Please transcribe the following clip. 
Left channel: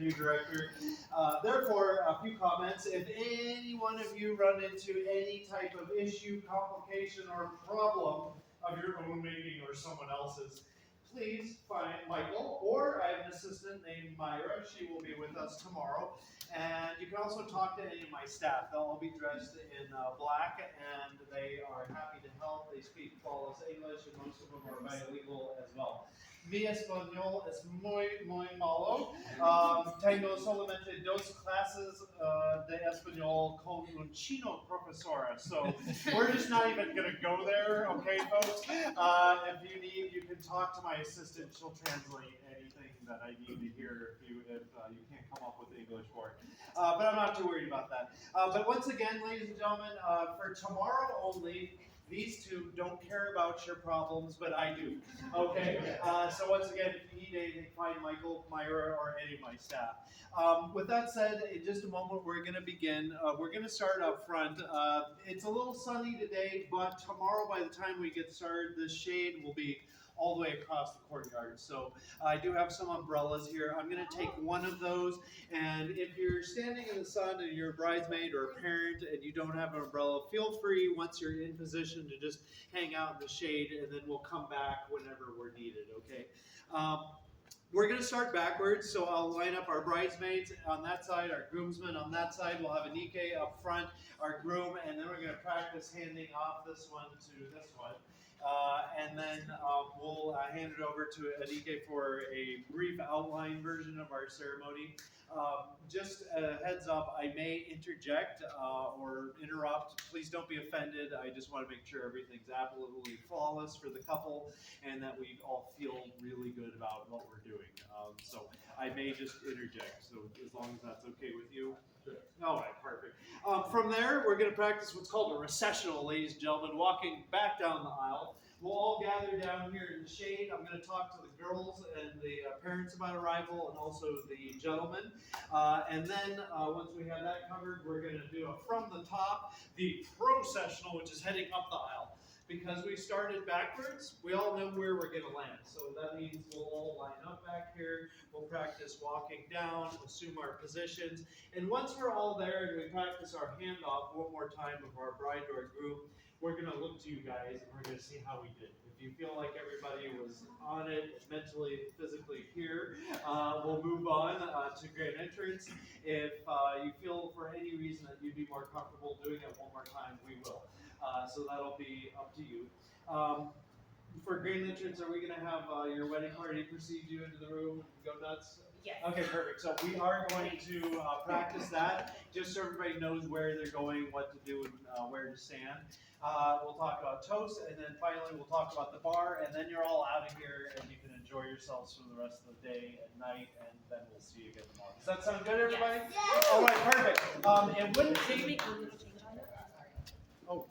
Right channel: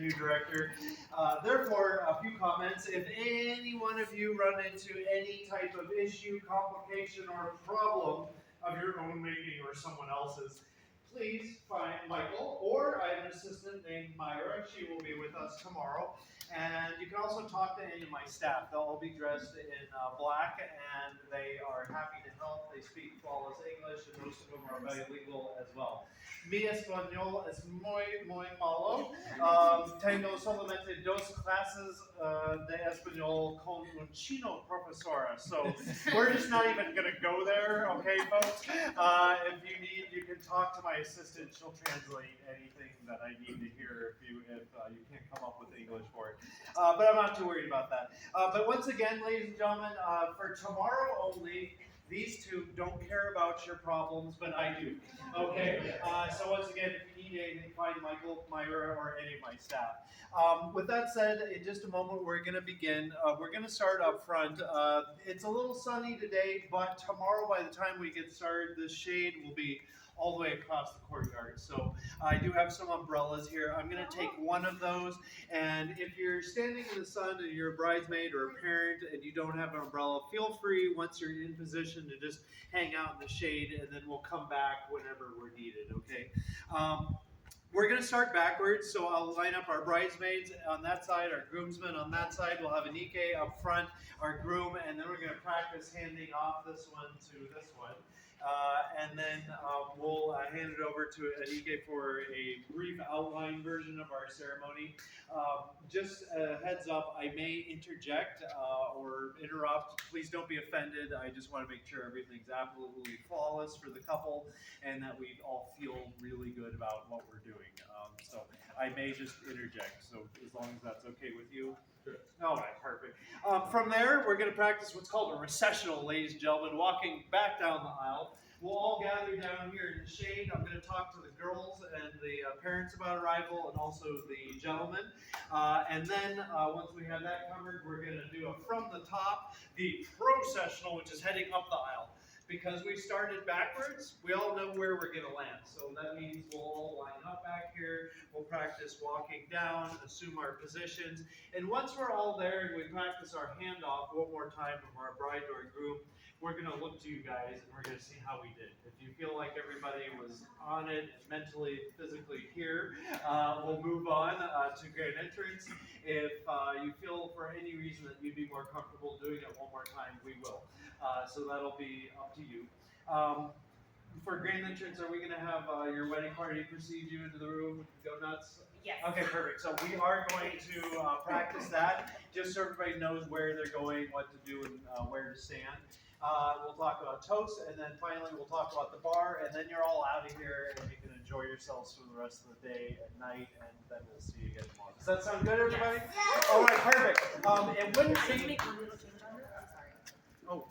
new director. Therefore, a few comments. If any one of you run into any type of issue, complication, or problem of your own making or someone else's, please find Michael, or I have an assistant named Myra. She will be with us tomorrow. And you can also talk to any of my staff. They'll all be dressed in black, and they are happy to help. They speak flawless English, and most of them are bilingual as well. Mi español es muy malo. Tengo solamente dos clases de español con un chino profesora. So we're just not even going to go there, okay, folks? If you need, you can talk to my assistant. She'll translate anything that I need to hear if you can't come up with English for it. But I'm not too worried about that. But once again, ladies and gentlemen, for tomorrow only, these two don't care about your problems, but I do. Okay? So once again, if you need anything, find Michael, Myra, or any of my staff. With that said, in just a moment, we're going to begin. We're going to start up front. It's a little sunny today, but tomorrow, by the time we get started, the shade will be all the way across the courtyard. So I do have some umbrellas here. I'm going to take one of those, and if you're standing in the sun and you're a bridesmaid or a parent and you don't have an umbrella, feel free once you're in position to just hang out in the shade, and then we'll come back whenever we're needed, okay? We're going to start backwards, so I'll line up our bridesmaids on that side, our groomsmen on that side. We'll have Anita up front, our groom, and then we're going to practice handing off this one to this one. And then we'll hand it over to Anita for a brief outline version of our ceremony. Just a heads up, I may interject or interrupt. Please don't be offended. I just want to make sure everything's absolutely flawless for the couple and that we all feel really good about what we're doing. So I may just interject, so as long as that's okay with you. Sure. All right, perfect. From there, we're going to practice what's called a recessional, ladies and gentlemen, walking back down the aisle. We'll all gather down here in the shade. I'm going to talk to the girls and the parents about arrival and also the gentlemen. And then once we have that covered, we're going to do a from the top, the processional, which is heading up the aisle. Because we started backwards, we all know where we're going to land. So that means we'll all line up back here. We'll practice walking down, assume our positions. And once we're all there and we practice our handoff one more time of our bride or groom, we're going to look to you guys and we're going to see how we did. If you feel like everybody was on it, mentally, physically here, we'll move on to grand entrance. If you feel for any reason that you'd be more comfortable doing it one more time, we will. So that'll be up to you. For grand entrance, are we going to have your wedding party precede you into the room? Go nuts? Yes. Okay, perfect. So we are going to practice that, just so everybody knows where they're going, what to do, and where to stand. We'll talk about toast, and then finally we'll talk about the bar, and then you're all out of here, and you can enjoy yourselves for the rest of the day and night, and then we'll see you again tomorrow. Does that sound good, everybody? Yes. All right, perfect. It wouldn't Can you be... make one little change on it? I'm sorry. Oh,